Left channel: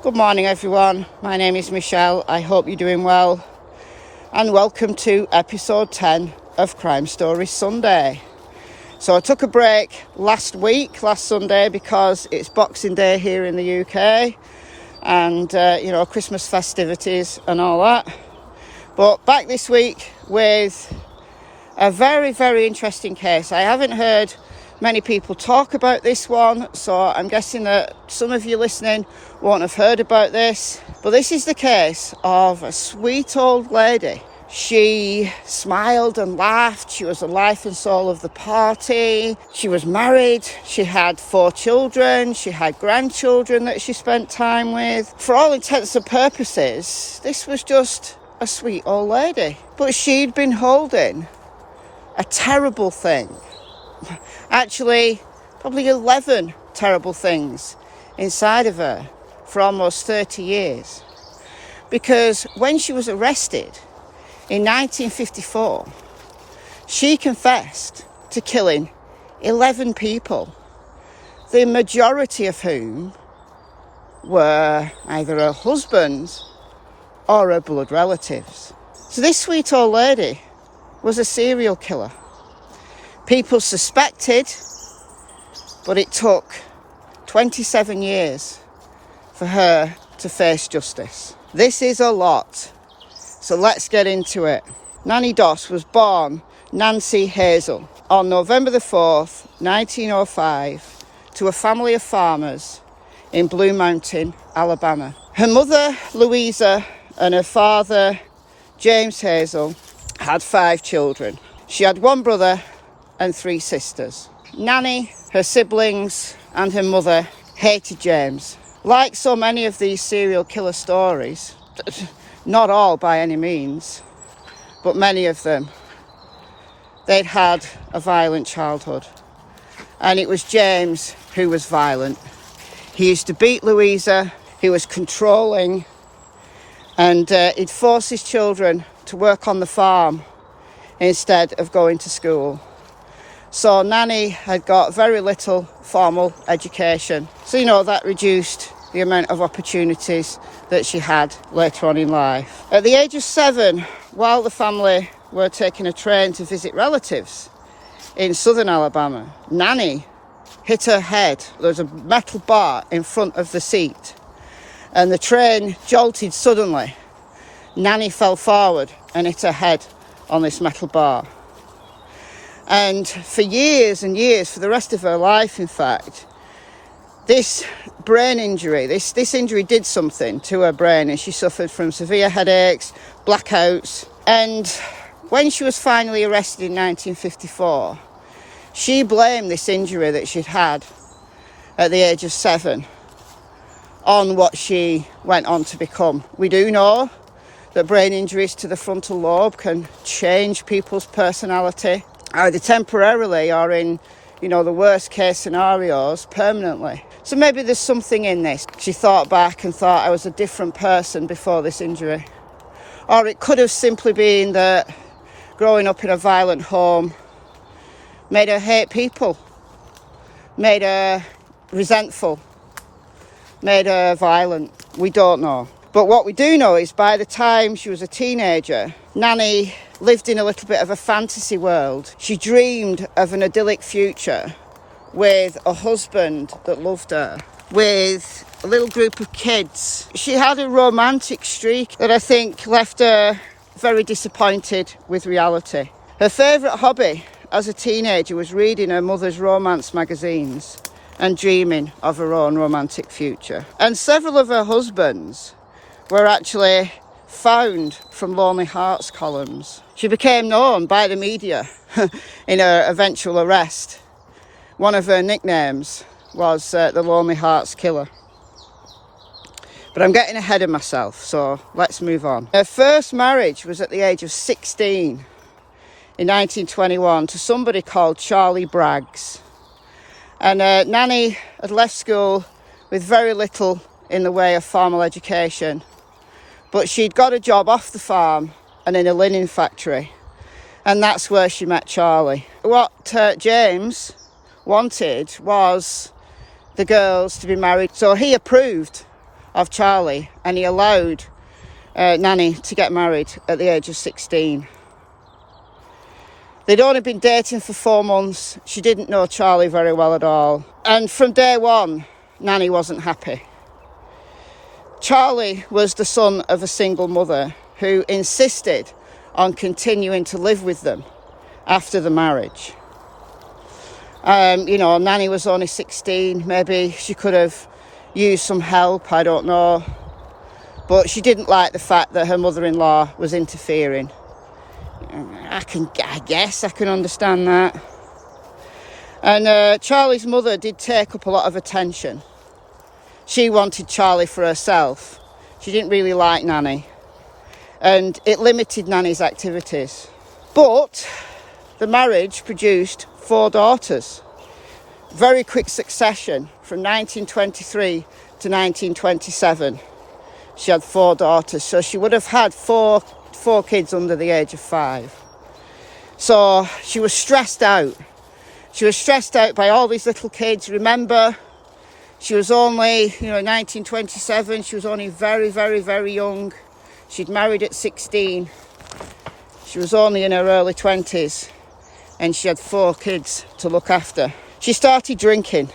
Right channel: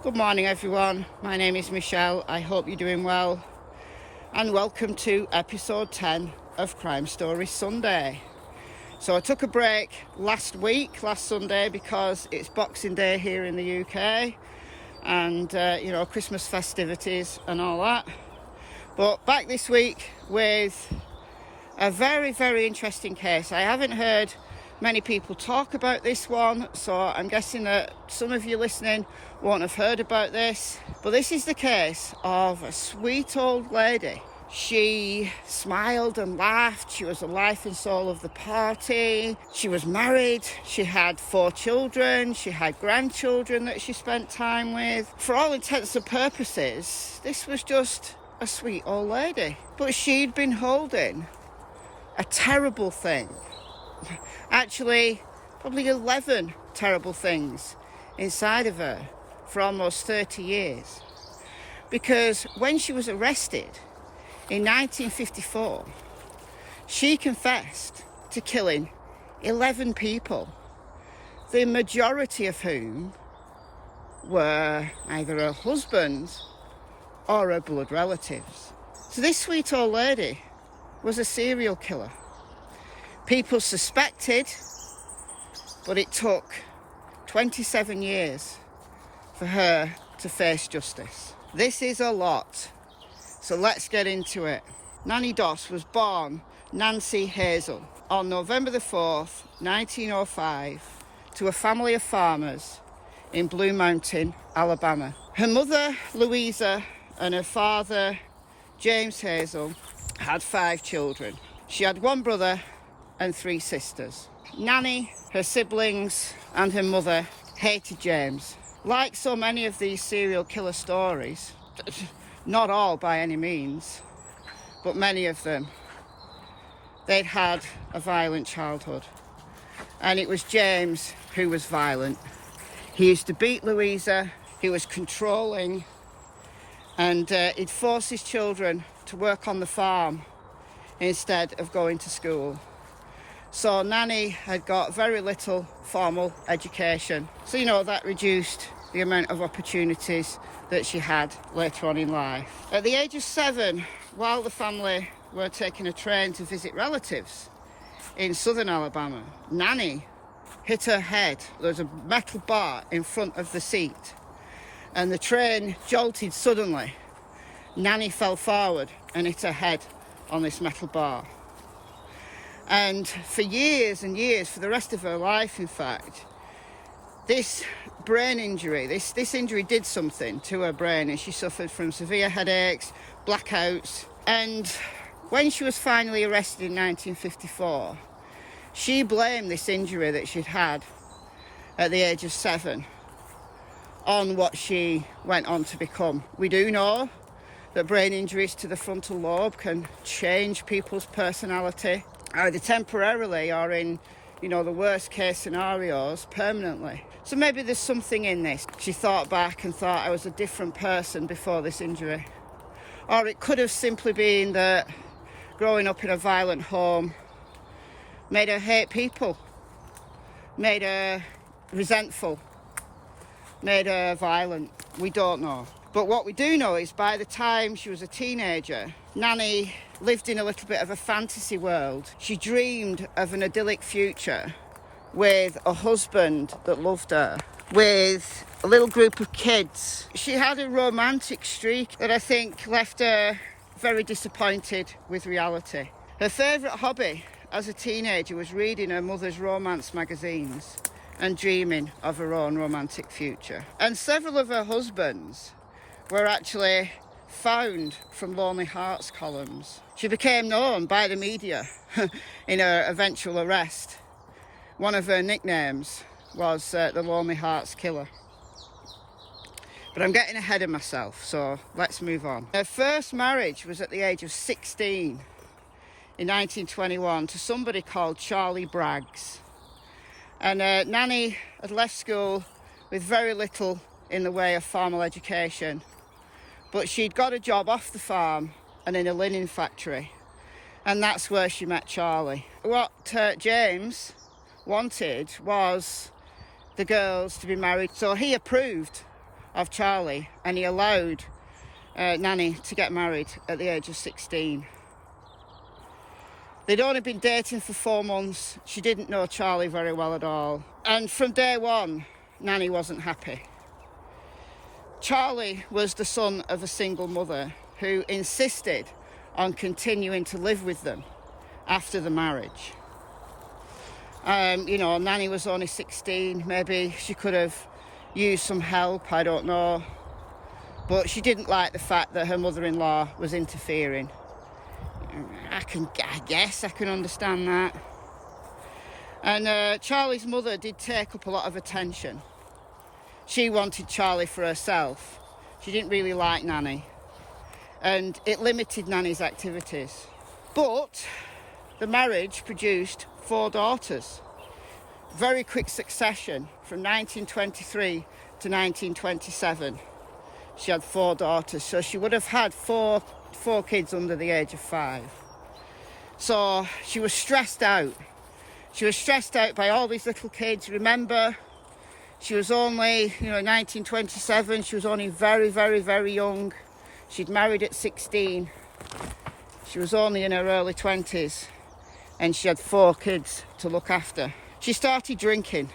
Good morning everyone, my name is Michelle, I hope you're doing well and welcome to episode 10 of Crime Stories Sunday. So I took a break last Sunday, because it's Boxing Day here in the UK and Christmas festivities and all that. But back this week with a very, very interesting case. I haven't heard many people talk about this one, so I'm guessing that some of you listening won't have heard about this. But this is the case of a sweet old lady. She smiled and laughed. She was the life and soul of the party. She was married. She had 4 children. She had grandchildren that she spent time with. For all intents and purposes, this was just a sweet old lady. But she'd been holding a terrible thing. Actually, probably 11 terrible things inside of her for almost 30 years. Because when she was arrested in 1954, she confessed to killing 11 people, the majority of whom were either her husband or her blood relatives. So this sweet old lady was a serial killer. People suspected, but it took 27 years for her to face justice. This is a lot, so let's get into it. Nannie Doss was born Nancy Hazel on November the 4th, 1905, to a family of farmers in Blue Mountain, Alabama. Her mother, Louisa, and her father, James Hazel, had 5 children. She had 1 brother and 3 sisters. Nannie, her siblings, and her mother hated James. Like so many of these serial killer stories, not all by any means, but many of them, they'd had a violent childhood. And it was James who was violent. He used to beat Louisa, he was controlling, and he'd force his children to work on the farm instead of going to school. So Nannie had got very little formal education. So, that reduced the amount of opportunities that she had later on in life. At the age of 7, while the family were taking a train to visit relatives in southern Alabama, Nannie hit her head. There was a metal bar in front of the seat and the train jolted suddenly. Nannie fell forward and hit her head on this metal bar. And for years and years, for the rest of her life, in fact, this brain injury, this injury did something to her brain, and she suffered from severe headaches, blackouts. And when she was finally arrested in 1954, she blamed this injury that she'd had at the age of 7 on what she went on to become. We do know that brain injuries to the frontal lobe can change people's personality, either temporarily or in, the worst case scenarios, permanently. So maybe there's something in this. She thought back and thought, I was a different person before this injury. Or it could have simply been that growing up in a violent home made her hate people, made her resentful, made her violent. We don't know. But what we do know is by the time she was a teenager, Nannie lived in a little bit of a fantasy world. She dreamed of an idyllic future with a husband that loved her, with a little group of kids. She had a romantic streak that I think left her very disappointed with reality. Her favourite hobby as a teenager was reading her mother's romance magazines and dreaming of her own romantic future. And several of her husbands were actually found from Lonely Hearts columns. She became known by the media in her eventual arrest. One of her nicknames was the Lonely Hearts Killer. But I'm getting ahead of myself, so let's move on. Her first marriage was at the age of 16 in 1921 to somebody called Charlie Braggs. And Nannie had left school with very little in the way of formal education. But she'd got a job off the farm and in a linen factory. And that's where she met Charlie. What James wanted was the girls to be married. So he approved of Charlie, and he allowed Nannie to get married at the age of 16. They'd only been dating for 4 months. She didn't know Charlie very well at all. And from day one, Nannie wasn't happy. Charlie was the son of a single mother who insisted on continuing to live with them after the marriage. Nannie was only 16. Maybe she could have used some help, I don't know. But she didn't like the fact that her mother-in-law was interfering. I guess I can understand that. And Charlie's mother did take up a lot of attention. She wanted Charlie for herself. She didn't really like Nannie. And it limited Nannie's activities. But the marriage produced 4 daughters. Very quick succession from 1923 to 1927. She had 4 daughters. So she would have had four kids under the age of 5. So she was stressed out. She was stressed out by all these little kids. Remember, she was only, 1927. She was only very, very, very young. She'd married at 16. She was only in her early 20s. And she had 4 kids to look after. She started drinking.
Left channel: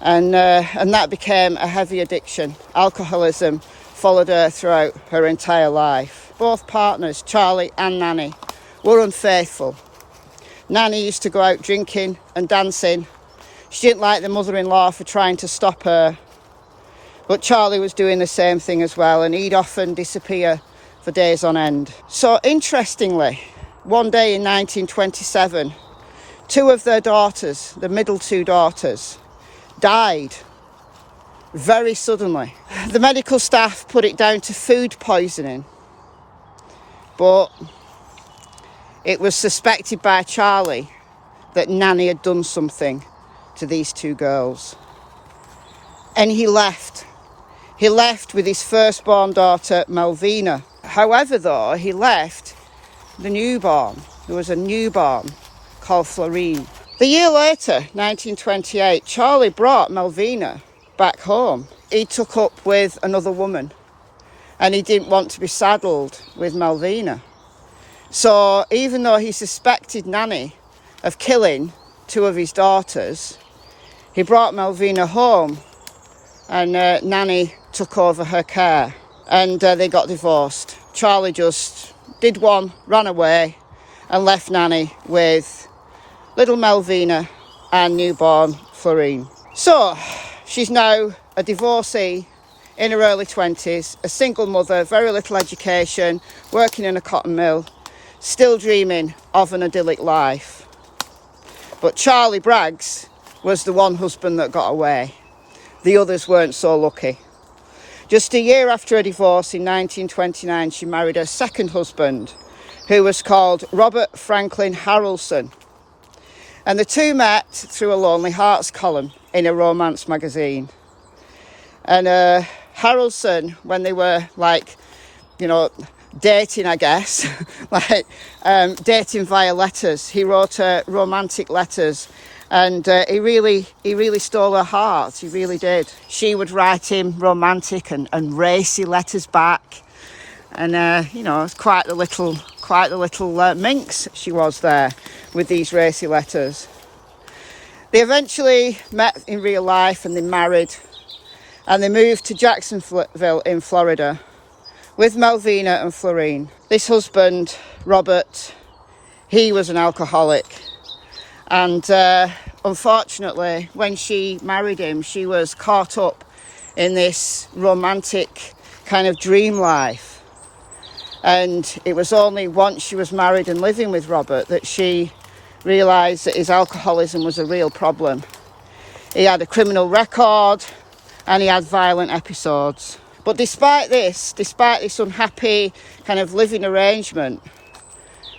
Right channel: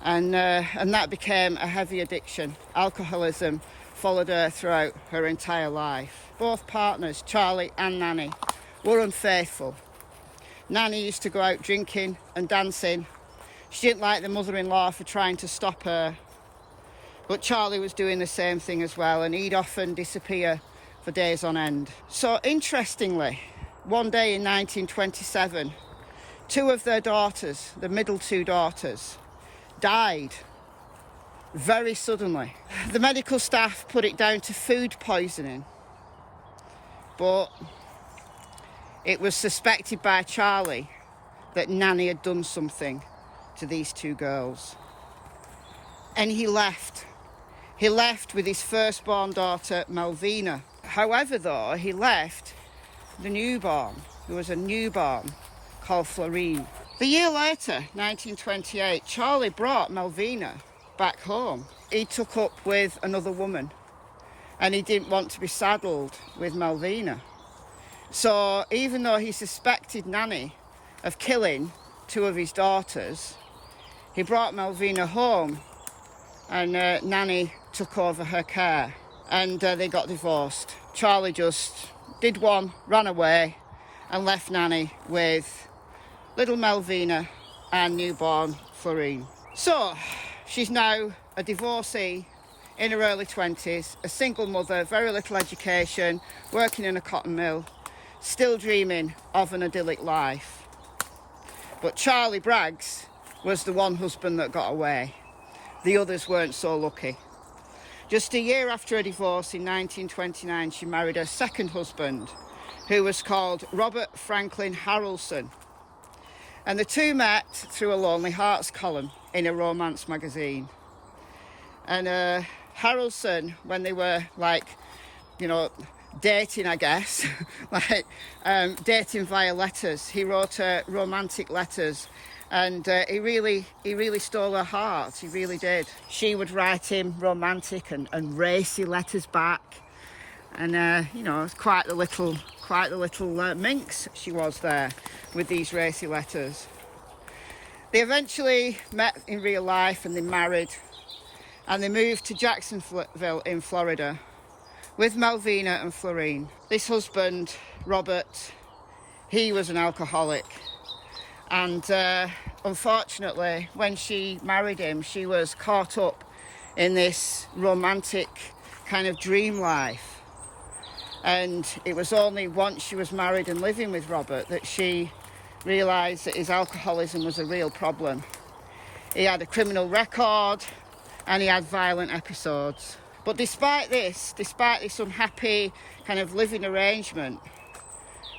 And that became a heavy addiction. Alcoholism followed her throughout her entire life. Both partners, Charlie and Nannie, were unfaithful. Nannie used to go out drinking and dancing. She didn't like the mother-in-law for trying to stop her. But Charlie was doing the same thing as well, and he'd often disappear for days on end. So interestingly, one day in 1927, 2 of their daughters, the middle 2 daughters, died very suddenly. The medical staff put it down to food poisoning, but it was suspected by Charlie that Nannie had done something to these 2 girls. And he left. He left with his firstborn daughter, Malvina. However, though, he left the newborn. There was a newborn called Florine. The year later, 1928, Charlie brought Malvina back home. He took up with another woman, and he didn't want to be saddled with Malvina. So even though he suspected Nannie of killing 2 of his daughters, he brought Malvina home, and Nannie took over her care, and they got divorced. Charlie just did one, ran away, and left Nannie with little Malvina and newborn Florine. So she's now a divorcee in her early 20s, a single mother, very little education, working in a cotton mill, still dreaming of an idyllic life. But Charlie Braggs was the one husband that got away. The others weren't so lucky. Just a year after her divorce in 1929, she married her second husband, who was called Robert Franklin Harrelson. And the 2 met through a Lonely Hearts column in a romance magazine. And Harrelson, when they were dating, I guess, dating via letters, he wrote her romantic letters, and he really stole her heart. He really did. She would write him romantic and racy letters back, and it's quite the little minx she was there with these racy letters. They eventually met in real life, and they married, and they moved to Jacksonville in Florida with Malvina and Florine. This husband, Robert, he was an alcoholic, and unfortunately, when she married him, she was caught up in this romantic kind of dream life. And it was only once she was married and living with Robert that she realised that his alcoholism was a real problem. He had a criminal record, and he had violent episodes. But despite this unhappy kind of living arrangement,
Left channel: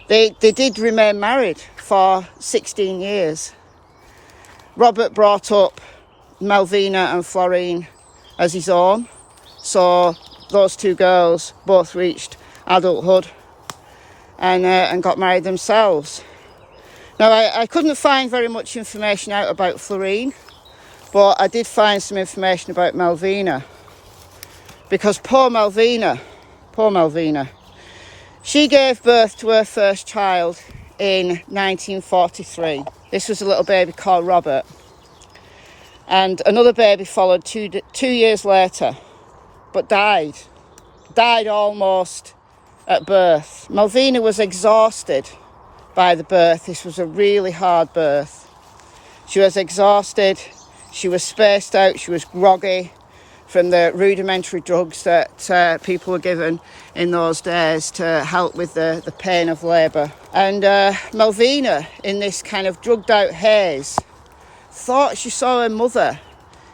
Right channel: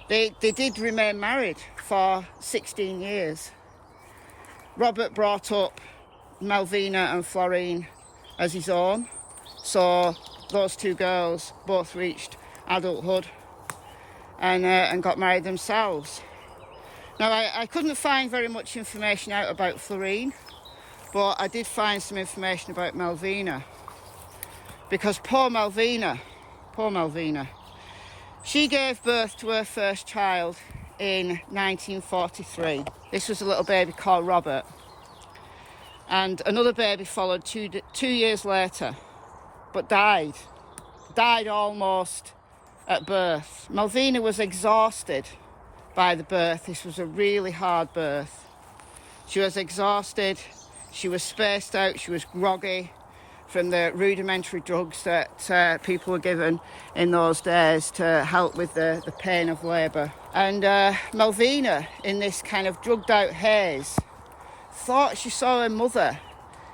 they did remain married for 16 years. Robert brought up Malvina and Florine as his own, so those 2 girls both reached adulthood and got married themselves. Now, I couldn't find very much information out about Florine, but I did find some information about Malvina. Because poor Malvina, she gave birth to her first child in 1943. This was a little baby called Robert. And another baby followed two years later, but died almost at birth. Malvina was exhausted by the birth. This was a really hard birth. She was exhausted, she was spaced out, she was groggy from the rudimentary drugs that people were given in those days to help with the pain of labour. And Malvina, in this kind of drugged out haze, thought she saw her mother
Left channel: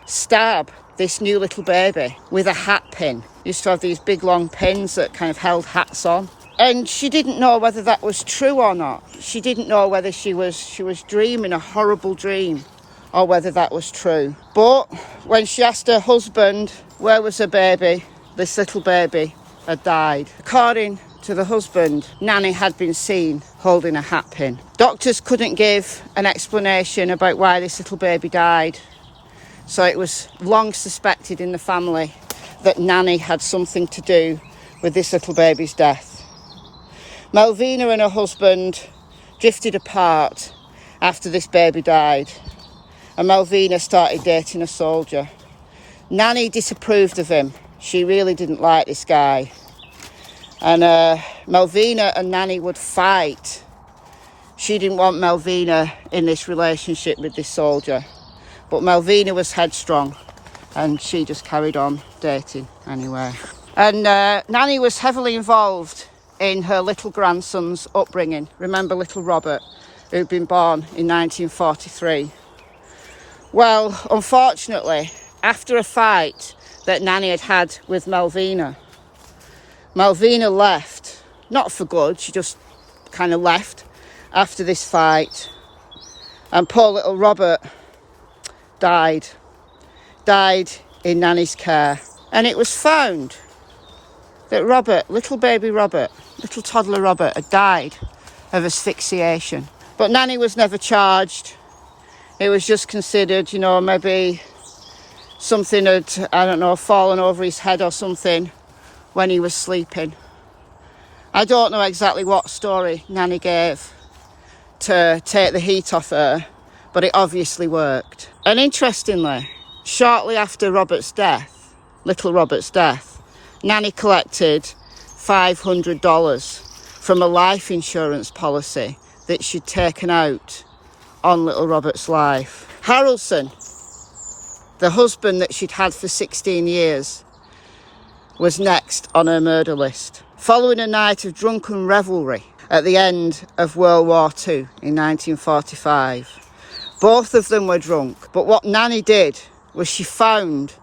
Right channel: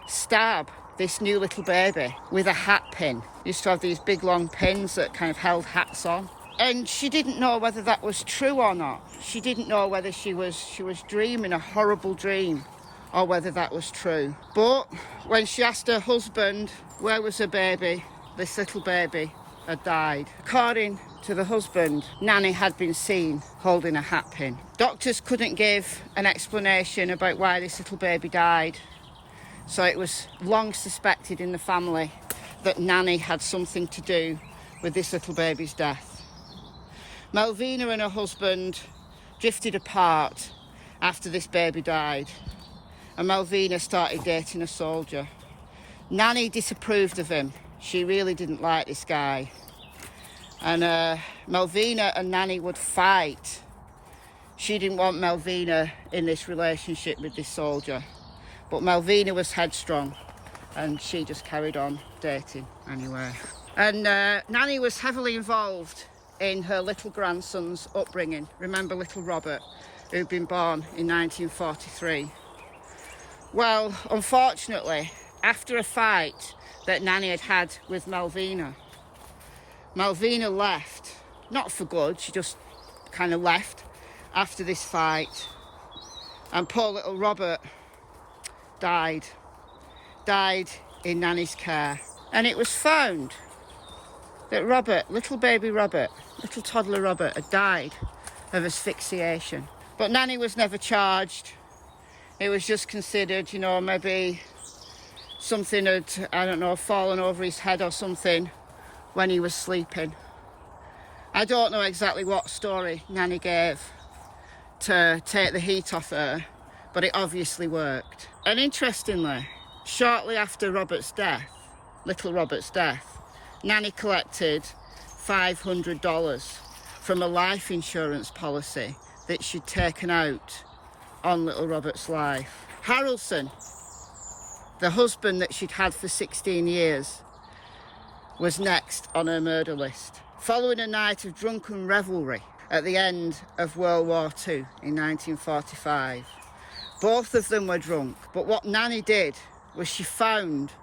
stab this new little baby with a hat pin. Used to have these big long pins that kind of held hats on. And she didn't know whether that was true or not. She didn't know whether she was dreaming a horrible dream or whether that was true. But when she asked her husband where was her baby, this little baby had died. According to the husband, Nannie had been seen holding a hat pin. Doctors couldn't give an explanation about why this little baby died. So it was long suspected in the family that Nannie had something to do with this little baby's death. Malvina and her husband drifted apart after this baby died, and Malvina started dating a soldier. Nannie disapproved of him. She really didn't like this guy. And Malvina and Nannie would fight. She didn't want Malvina in this relationship with this soldier. But Malvina was headstrong and she just carried on dating anyway. And Nannie was heavily involved in her little grandson's upbringing. Remember little Robert, who'd been born in 1943. Well, unfortunately, after a fight that Nannie had had with Malvina, Malvina left. Not for good, she just kind of left after this fight. And poor little Robert died in Nannie's care. And it was found that Robert, little baby Robert, little toddler Robert, had died of asphyxiation. But Nannie was never charged. It was just considered, maybe something had, fallen over his head or something when he was sleeping. I don't know exactly what story Nannie gave to take the heat off her, but it obviously worked. And interestingly, shortly after little Robert's death, Nannie collected $500 from a life insurance policy that she'd taken out on little Robert's life. Harrelson, the husband that she'd had for 16 years, was next on her murder list. Following a night of drunken revelry at the end of World War II in 1945. Both of them were drunk, but what Nannie did was she found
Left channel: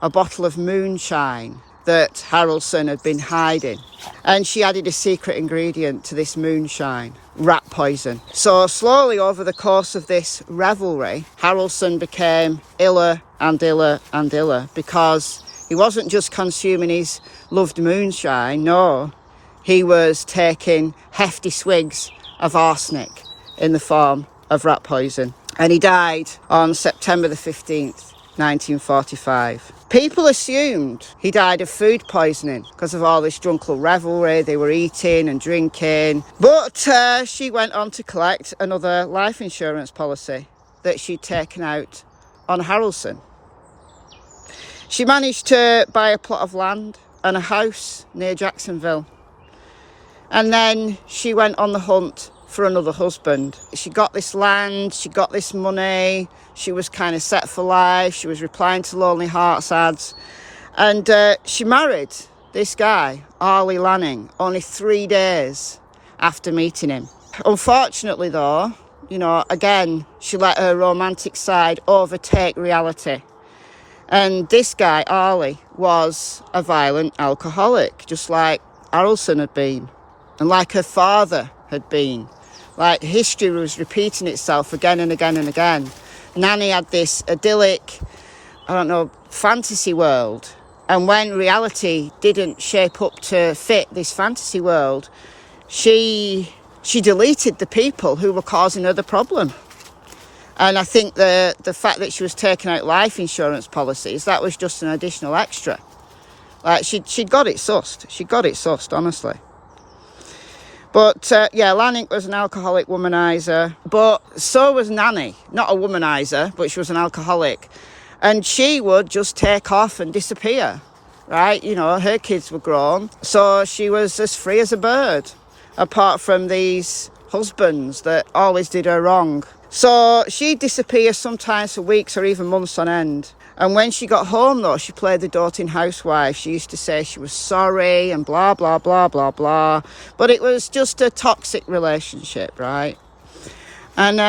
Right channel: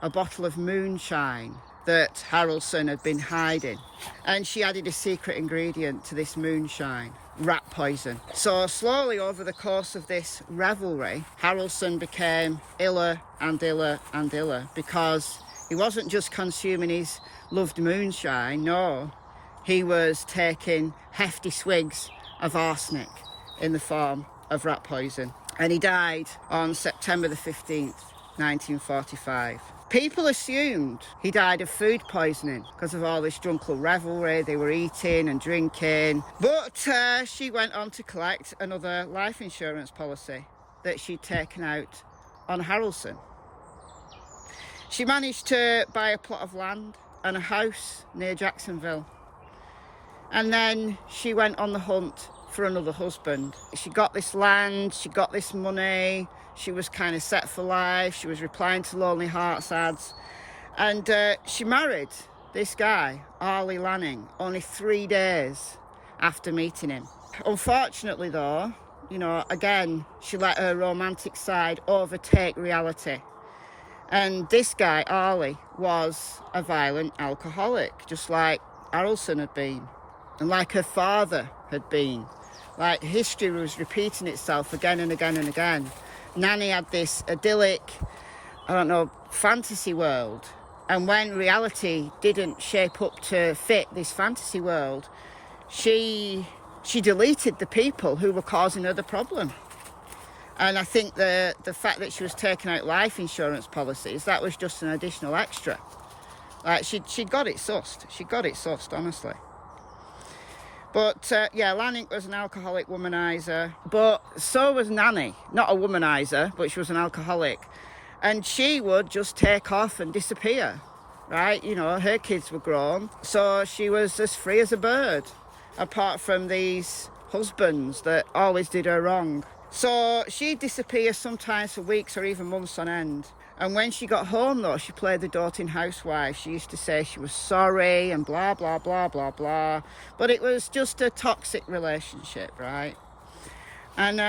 a bottle of moonshine that Harrelson had been hiding, and she added a secret ingredient to this moonshine: rat poison. So slowly over the course of this revelry, Harrelson became iller and iller and iller, because he wasn't just consuming his loved moonshine, no, he was taking hefty swigs of arsenic in the form of rat poison. And he died on September the 15th, 1945. People assumed he died of food poisoning because of all this drunken revelry. They were eating and drinking. But she went on to collect another life insurance policy that she'd taken out on Harrelson. She managed to buy a plot of land and a house near Jacksonville. And then she went on the hunt for another husband. She got this land, she got this money, she was kind of set for life, she was replying to Lonely Hearts ads, and she married this guy, Arlie Lanning, only 3 days after meeting him. Unfortunately though, again, she let her romantic side overtake reality. And this guy, Arlie, was a violent alcoholic, just like Harrelson had been, and like her father had been. Like history was repeating itself again and again and again. Nannie had this idyllic, fantasy world. And when reality didn't shape up to fit this fantasy world, she deleted the people who were causing her the problem. And I think the fact that she was taking out life insurance policies, that was just an additional extra. Like, she'd got it sussed. She got it sussed, honestly. But, yeah, Lanning was an alcoholic womanizer. But so was Nannie. Not a womanizer, but she was an alcoholic. And she would just take off and disappear, right? You know, her kids were grown. So she was as free as a bird, apart from these husbands that always did her wrong. So she'd disappear sometimes for weeks or even months on end. And when she got home, though, she played the doting housewife. She used to say she was sorry and blah, blah, blah, blah, blah. But it was just a toxic relationship, right? And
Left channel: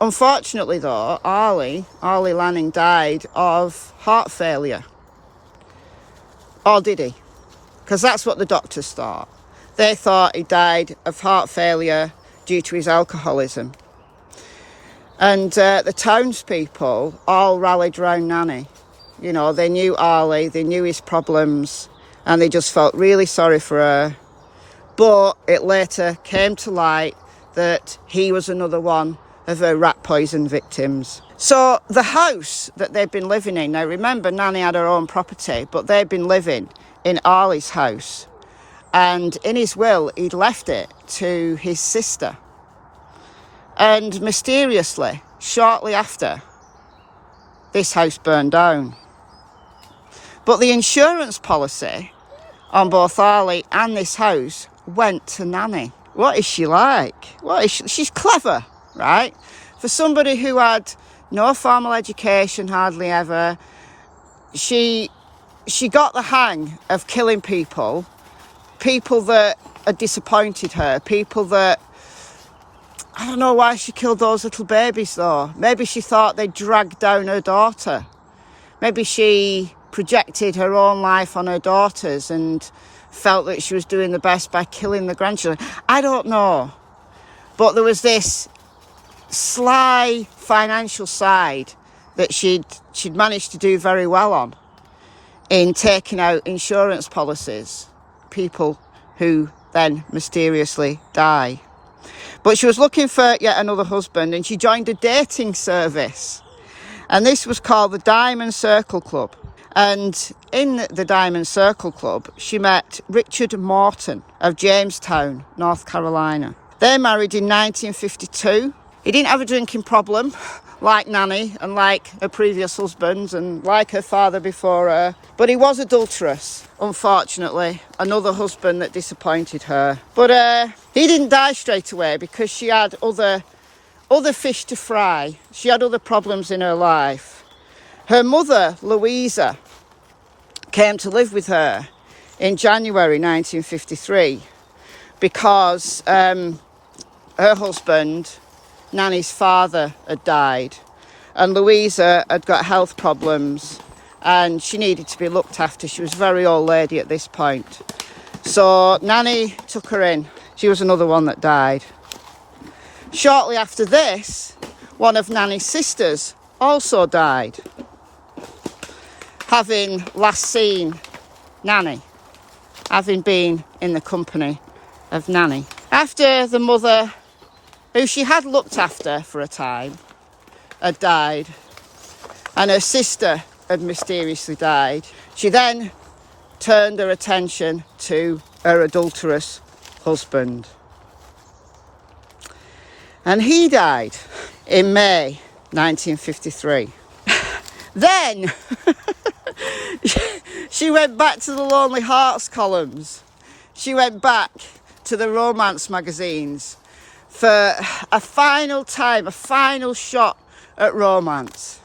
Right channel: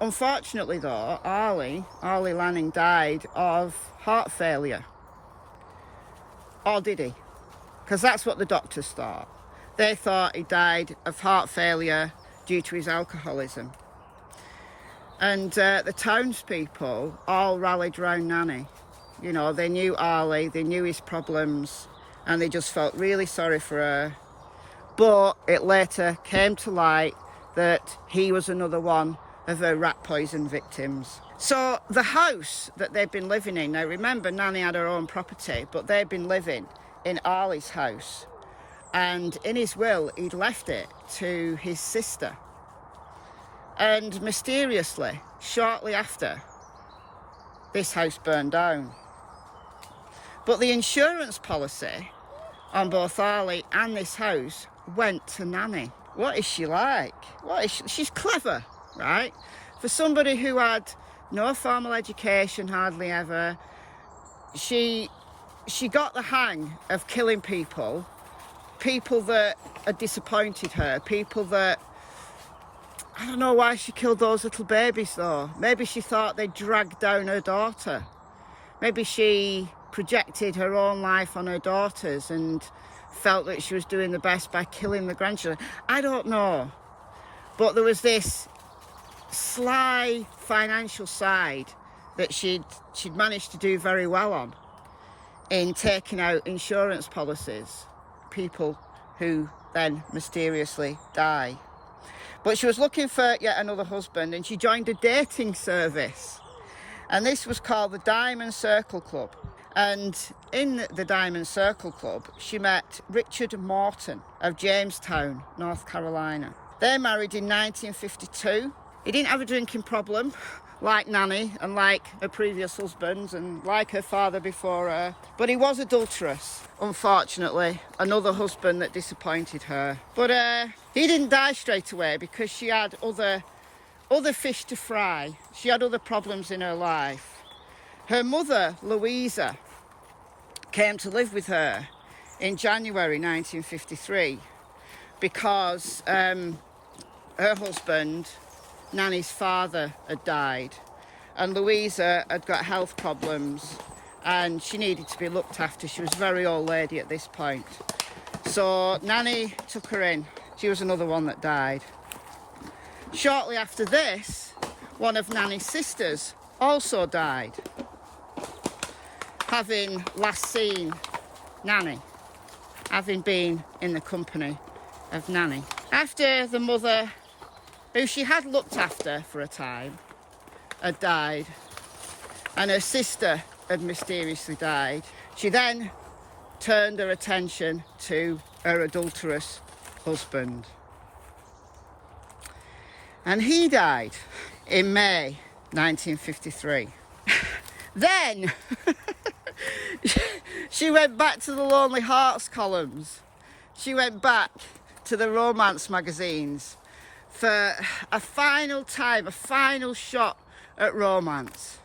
unfortunately, though, Arlie Lanning died of heart failure. Or did he? Because that's what the doctors thought. They thought he died of heart failure due to his alcoholism. And the townspeople all rallied round Nannie. You know, they knew Arlie, they knew his problems, and they just felt really sorry for her. But it later came to light that he was another one of her rat poison victims. So the house that they'd been living in, now remember, Nannie had her own property, but they'd been living in Arlie's house. And in his will, he'd left it to his sister. And mysteriously, shortly after, this house burned down. But the insurance policy on both Arlie and this house went to Nannie. What is she like? She's clever, right? For somebody who had no formal education, hardly ever, she got the hang of killing people that had disappointed her, people that, I don't know why she killed those little babies though. Maybe she thought they dragged down her daughter. Maybe she projected her own life on her daughters and felt that she was doing the best by killing the grandchildren. I don't know. But there was this sly financial side that she'd managed to do very well on in taking out insurance policies, people who then mysteriously die. But she was looking for yet another husband, and she joined a dating service. And this was called the Diamond Circle Club. And in the Diamond Circle Club, she met Richard Morton of Jamestown, North Carolina. They married in 1952. He didn't have a drinking problem, like Nannie and like her previous husbands and like her father before her. But he was adulterous, unfortunately. Another husband that disappointed her. But he didn't die straight away because she had other fish to fry. She had other problems in her life. Her mother, Louisa, came to live with her in January 1953 because her husband, Nannie's father, had died. And Louisa had got health problems and she needed to be looked after. She was a very old lady at this point. So Nannie took her in. She was another one that died. Shortly after this, one of Nannie's sisters also died, having last seen Nannie, having been in the company of Nannie. After the mother, who she had looked after for a time, had died, and her sister had mysteriously died, she then turned her attention to her adulterous husband. And he died in May 1953. Then she went back to the Lonely Hearts columns. She went back to the romance magazines for a final time, a final shot at romance.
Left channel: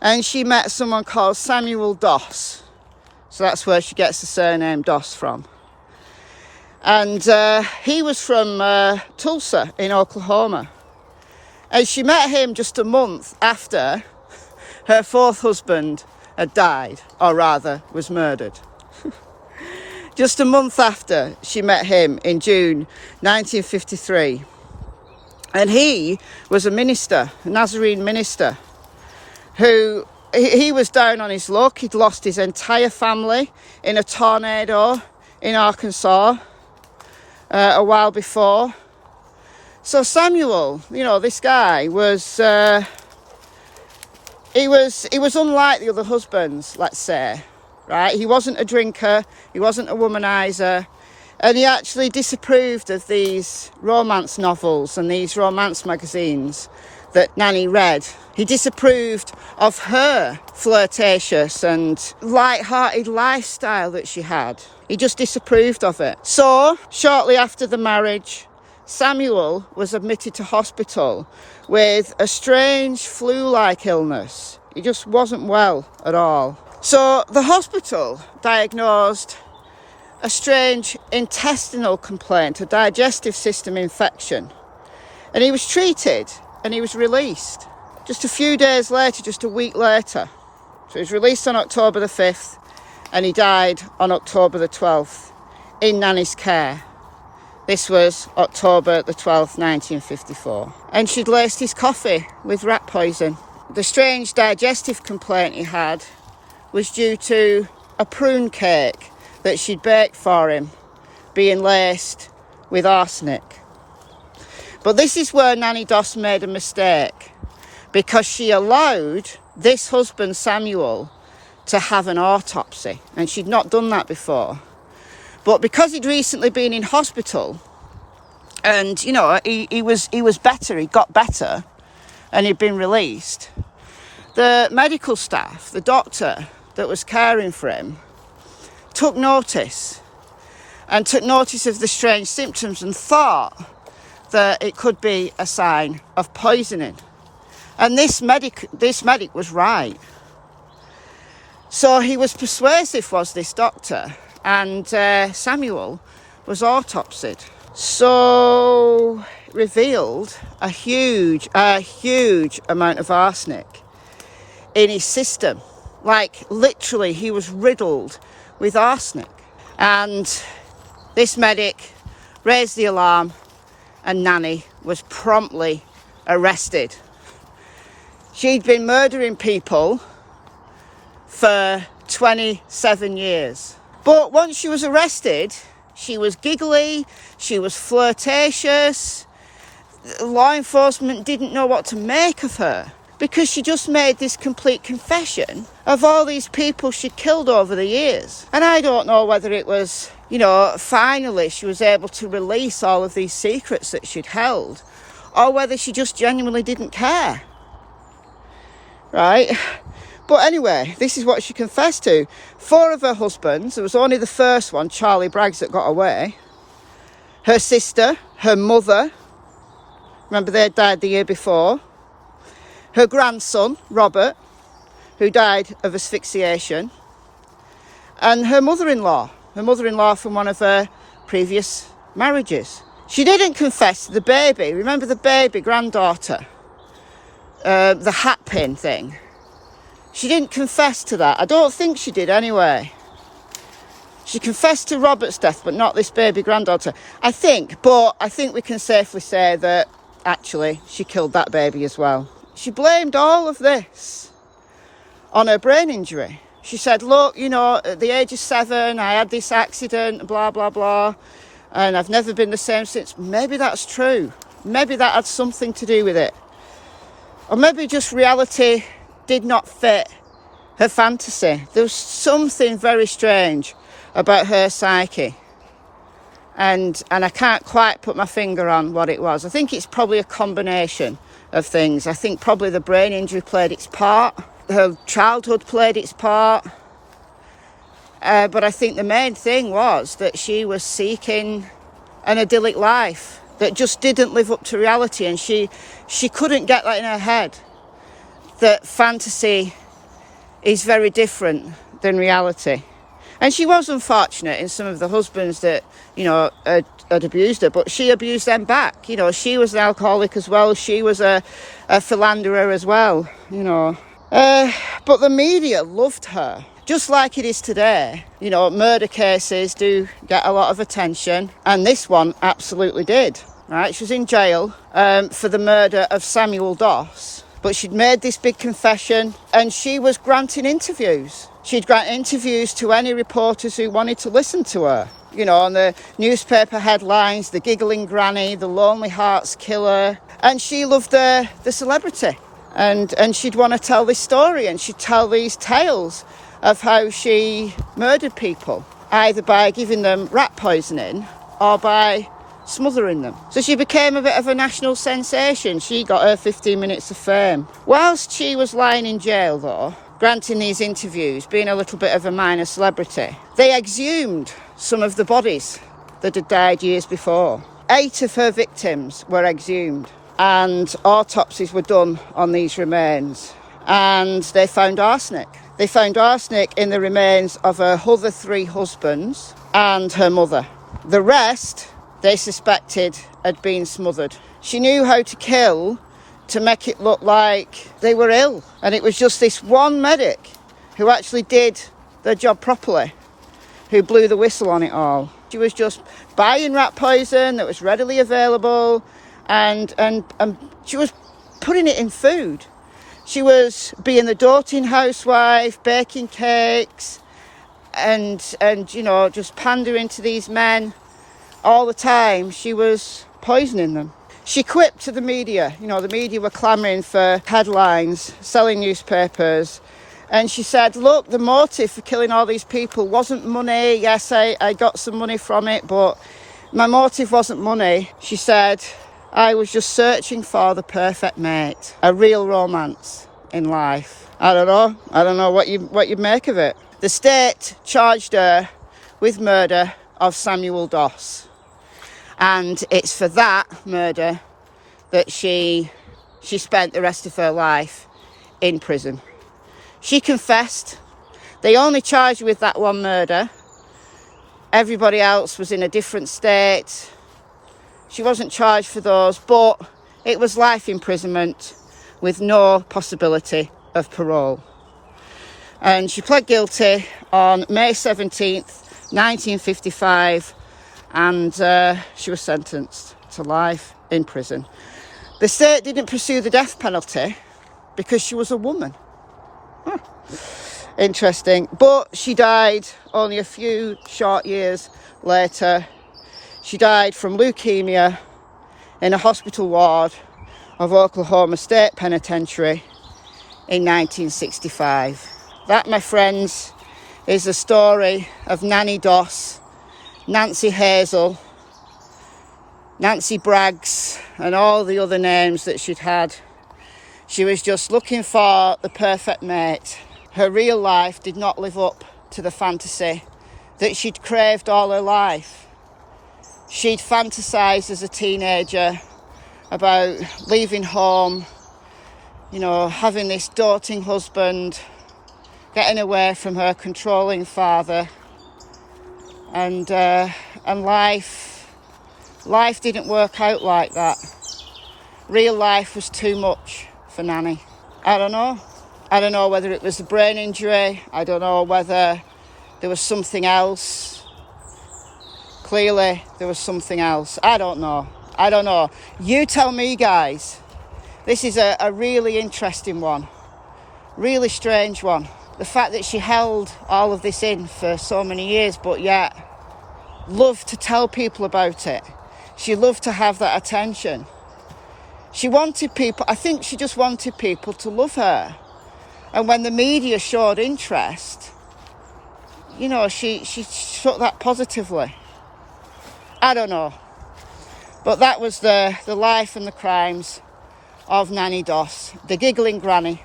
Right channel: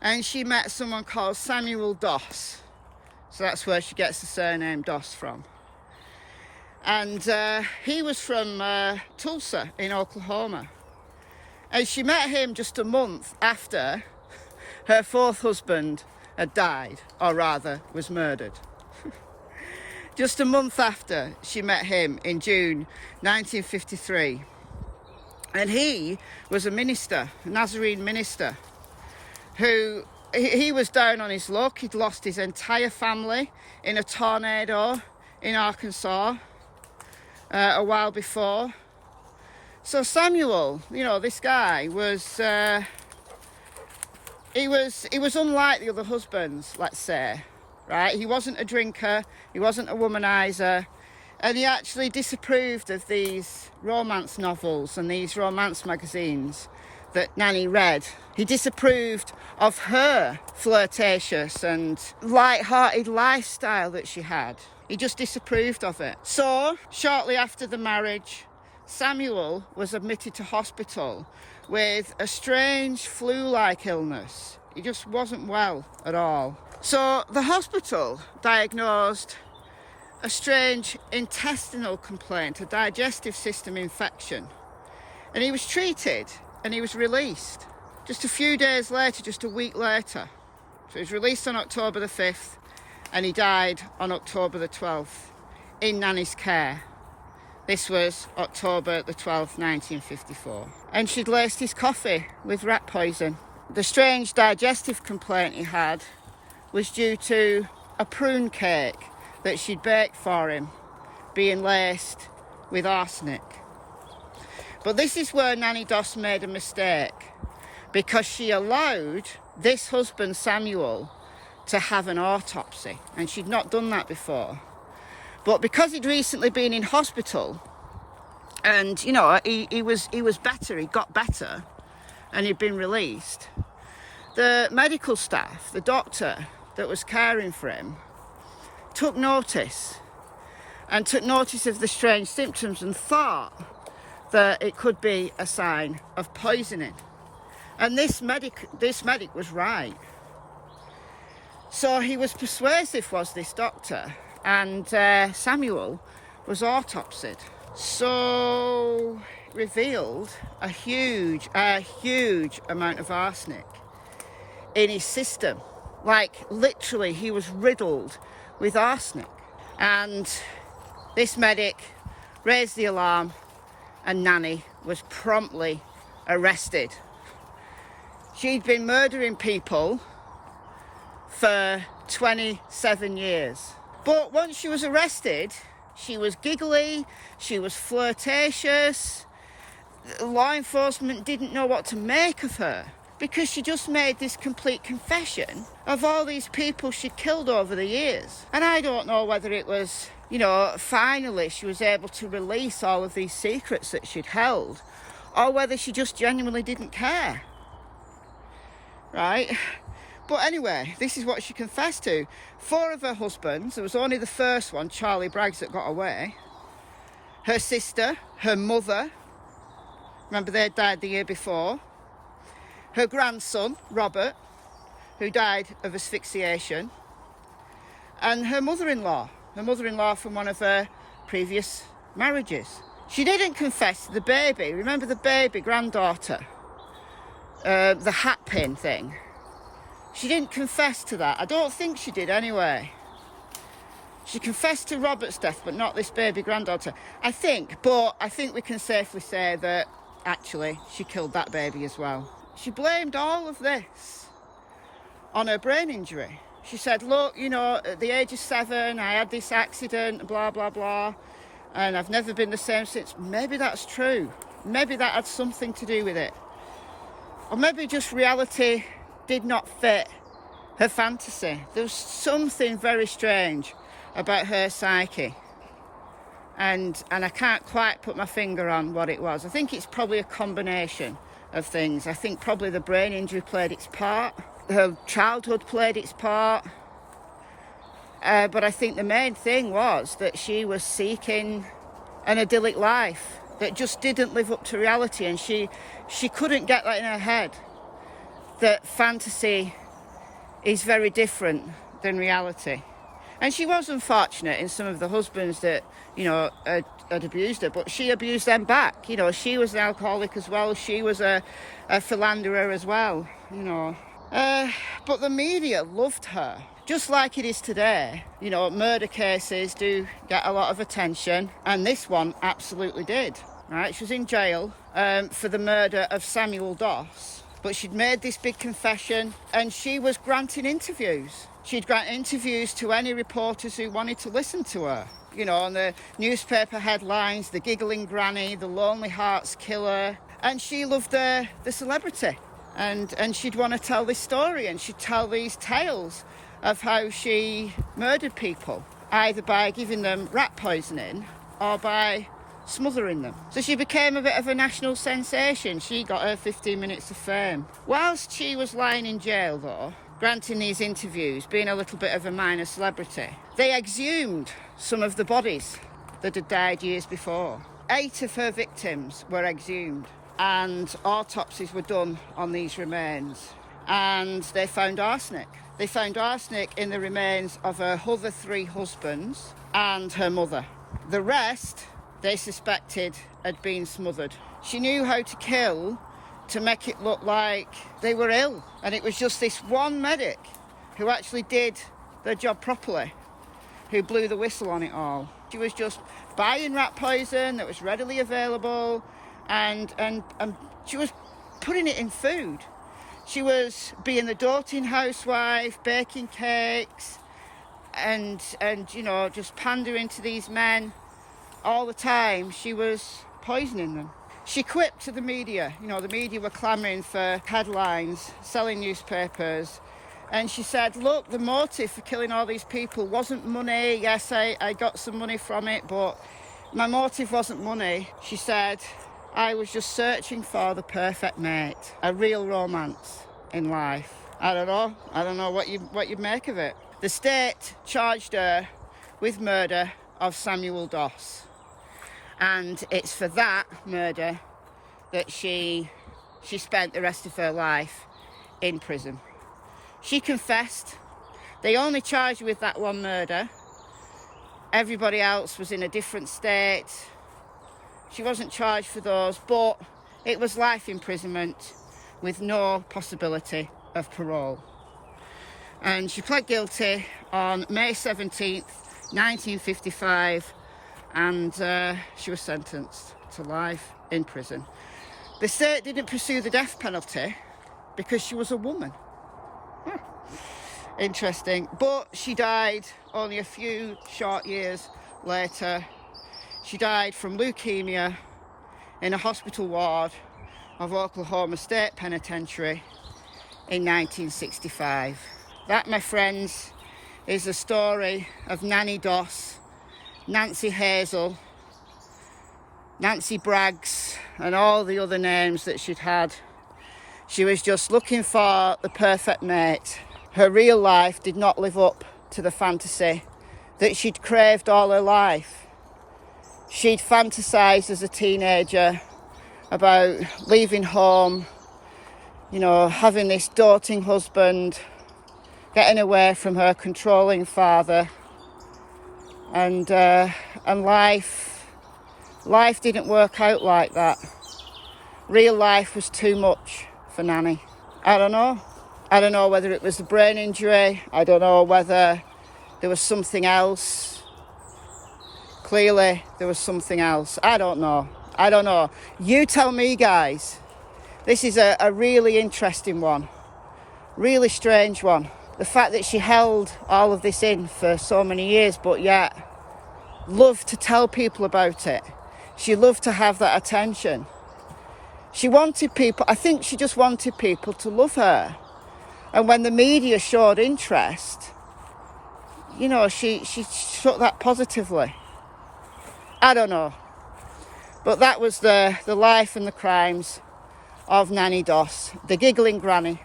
And she met someone called Samuel Doss. So that's where she gets the surname Doss from. And he was from Tulsa in Oklahoma. And she met him just a month after her fourth husband had died, or rather was murdered. Just a month after she met him in June 1953. And he was a minister, a Nazarene minister, who he was down on his luck. He'd lost his entire family in a tornado in Arkansas a while before. So Samuel, you know, this guy was he was unlike the other husbands, let's say. right? He wasn't a drinker, he wasn't a womanizer, and he actually disapproved of these romance novels and these romance magazines that Nannie read. He disapproved of her flirtatious and light-hearted lifestyle that she had. He just disapproved of it. So, shortly after the marriage, Samuel was admitted to hospital with a strange flu-like illness. He just wasn't well at all. So the hospital diagnosed a strange intestinal complaint, a digestive system infection. And he was treated and he was released. Just a few days later, just a week later. So he was released on October the 5th and he died on October the 12th in Nannie's care. This was October the 12th, 1954. And she'd laced his coffee with rat poison. The strange digestive complaint he had was due to a prune cake that she'd baked for him being laced with arsenic. But this is where Nannie Doss made a mistake, because she allowed this husband, Samuel, to have an autopsy. And she'd not done that before. But because he'd recently been in hospital and, you know, he was better, he got better, and he'd been released, the medical staff, the doctor that was caring for him, took notice of the strange symptoms and thought that it could be a sign of poisoning. And this medic was right. So he was persuasive, was this doctor, and Samuel was autopsied. So it revealed a huge amount of arsenic in his system. Like, literally, he was riddled with arsenic. And this medic raised the alarm and Nannie was promptly arrested. She'd been murdering people for 27 years. But once she was arrested, she was giggly, she was flirtatious. Law enforcement didn't know what to make of her because she just made this complete confession of all these people she'd killed over the years. And I don't know whether it was, you know, finally she was able to release all of these secrets that she'd held, or whether she just genuinely didn't care. Right? But anyway, this is what she confessed to. 4 of her husbands, there was only the first one, Charlie Braggs, that got away. Her sister, her mother, remember they died the year before. Her grandson, Robert, who died of asphyxiation. And her mother-in-law from one of her previous marriages. She didn't confess to the baby. Remember the baby granddaughter? The hat pin thing. She didn't confess to that. I don't think she did anyway. She confessed to Robert's death, but not this baby granddaughter. I think we can safely say that actually she killed that baby as well. She blamed all of this on her brain injury. She said, look, you know, at the age of 7, I had this accident, blah, blah, blah, and I've never been the same since. Maybe that's true. Maybe that had something to do with it. Or maybe just reality did not fit her fantasy. There was something very strange about her psyche. And I can't quite put my finger on what it was. I think it's probably a combination of things. I think probably the brain injury played its part. Her childhood played its part. But I think the main thing was that she was seeking an idyllic life that just didn't live up to reality. And she couldn't get that in her head, that fantasy is very different than reality. And she was unfortunate in some of the husbands that, you know, had abused her, but she abused them back. You know, she was an alcoholic as well. She was a philanderer as well, you know. But the media loved her, just like it is today. You know, murder cases do get a lot of attention, and this one absolutely did, right? She was in jail for the murder of Samuel Doss, but she'd made this big confession, and she was granting interviews. She'd grant interviews to any reporters who wanted to listen to her. You know, on the newspaper headlines, the Giggling Granny, the Lonely Hearts Killer. And she loved the celebrity. And she'd want to tell this story, and she'd tell these tales of how she murdered people, either by giving them rat poisoning or by smothering them. So she became a bit of a national sensation. She got her 15 minutes of fame. Whilst she was lying in jail, though, granting these interviews, being a little bit of a minor celebrity, they exhumed some of the bodies that had died years before. 8 of her victims were exhumed, and autopsies were done on these remains, and they found arsenic. They found arsenic in the remains of her other 3 husbands and her mother. The rest, they suspected, had been smothered. She knew how to kill to make it look like they were ill, and it was just this one medic who actually did their job properly, who blew the whistle on it all. She was just buying rat poison that was readily available, and she was putting it in food. She was being the doting housewife, baking cakes, and you know, just pandering to these men all the time. She was poisoning them. She quipped to the media. You know, the media were clamouring for headlines, selling newspapers. And she said, look, the motive for killing all these people wasn't money. Yes, I got some money from it, but my motive wasn't money. She said, I was just searching for the perfect mate, a real romance in life. I don't know what you make of it. The state charged her with murder of Samuel Doss. And it's for that murder that she spent the rest of her life in prison. She confessed. They only charged her with that one murder. Everybody else was in a different state. She wasn't charged for those, but it was life imprisonment with no possibility of parole. And she pled guilty on May 17th, 1955, and she was sentenced to life in prison. The state didn't pursue the death penalty because she was a woman. Interesting. But she died only a few short years later. She died from leukemia in a hospital ward of Oklahoma State Penitentiary in 1965. That, my friends, is the story of Nannie Doss, Nancy Hazel, Nancy Braggs, and all the other names that she'd had. She was just looking for the perfect mate. Her real life did not live up to the fantasy that she'd craved all her life. She'd fantasised as a teenager about leaving home, you know, having this doting husband, getting away from her controlling father, and life didn't work out like that. Real life was too much for Nannie. I don't know whether it was a brain injury. I don't know whether there was something else. Clearly, there was something else. I don't know. You tell me, guys. This is a really interesting one. Really strange one. The fact that she held all of this in for so many years, but yet loved to tell people about it. She loved to have that attention. She wanted people, I think she just wanted people to love her. And when the media showed interest, you know, she took that positively. I don't know. But that was the life and the crimes of Nannie Doss, the Giggling Granny,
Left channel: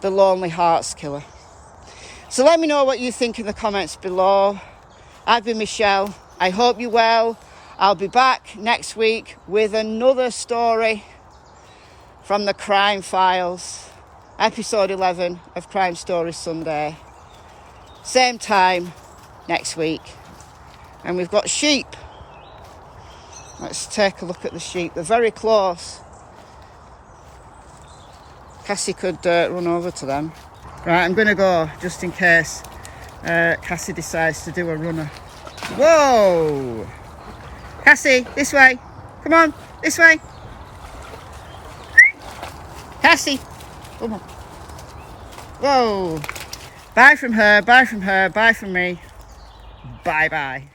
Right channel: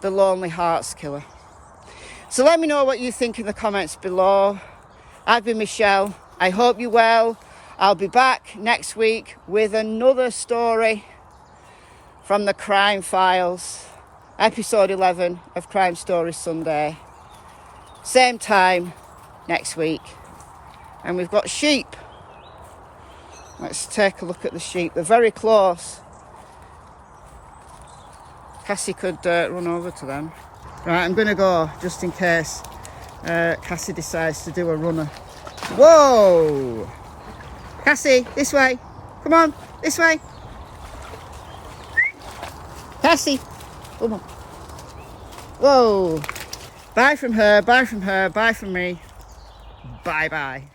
the Lonely Hearts Killer. So let me know what you think in the comments below. I've been Michelle. I hope you're well. I'll be back next week with another story from the crime files. Episode 11 of Crime Story Sunday. Same time next week. And we've got sheep. Let's take a look at the sheep. They're very close. Cassie could run over to them. Right, I'm going to go just in case Cassie decides to do a runner. Whoa! Cassie, this way. Come on, this way. Cassie, come on. Whoa. Bye from her, bye from her, bye from me. Bye-bye.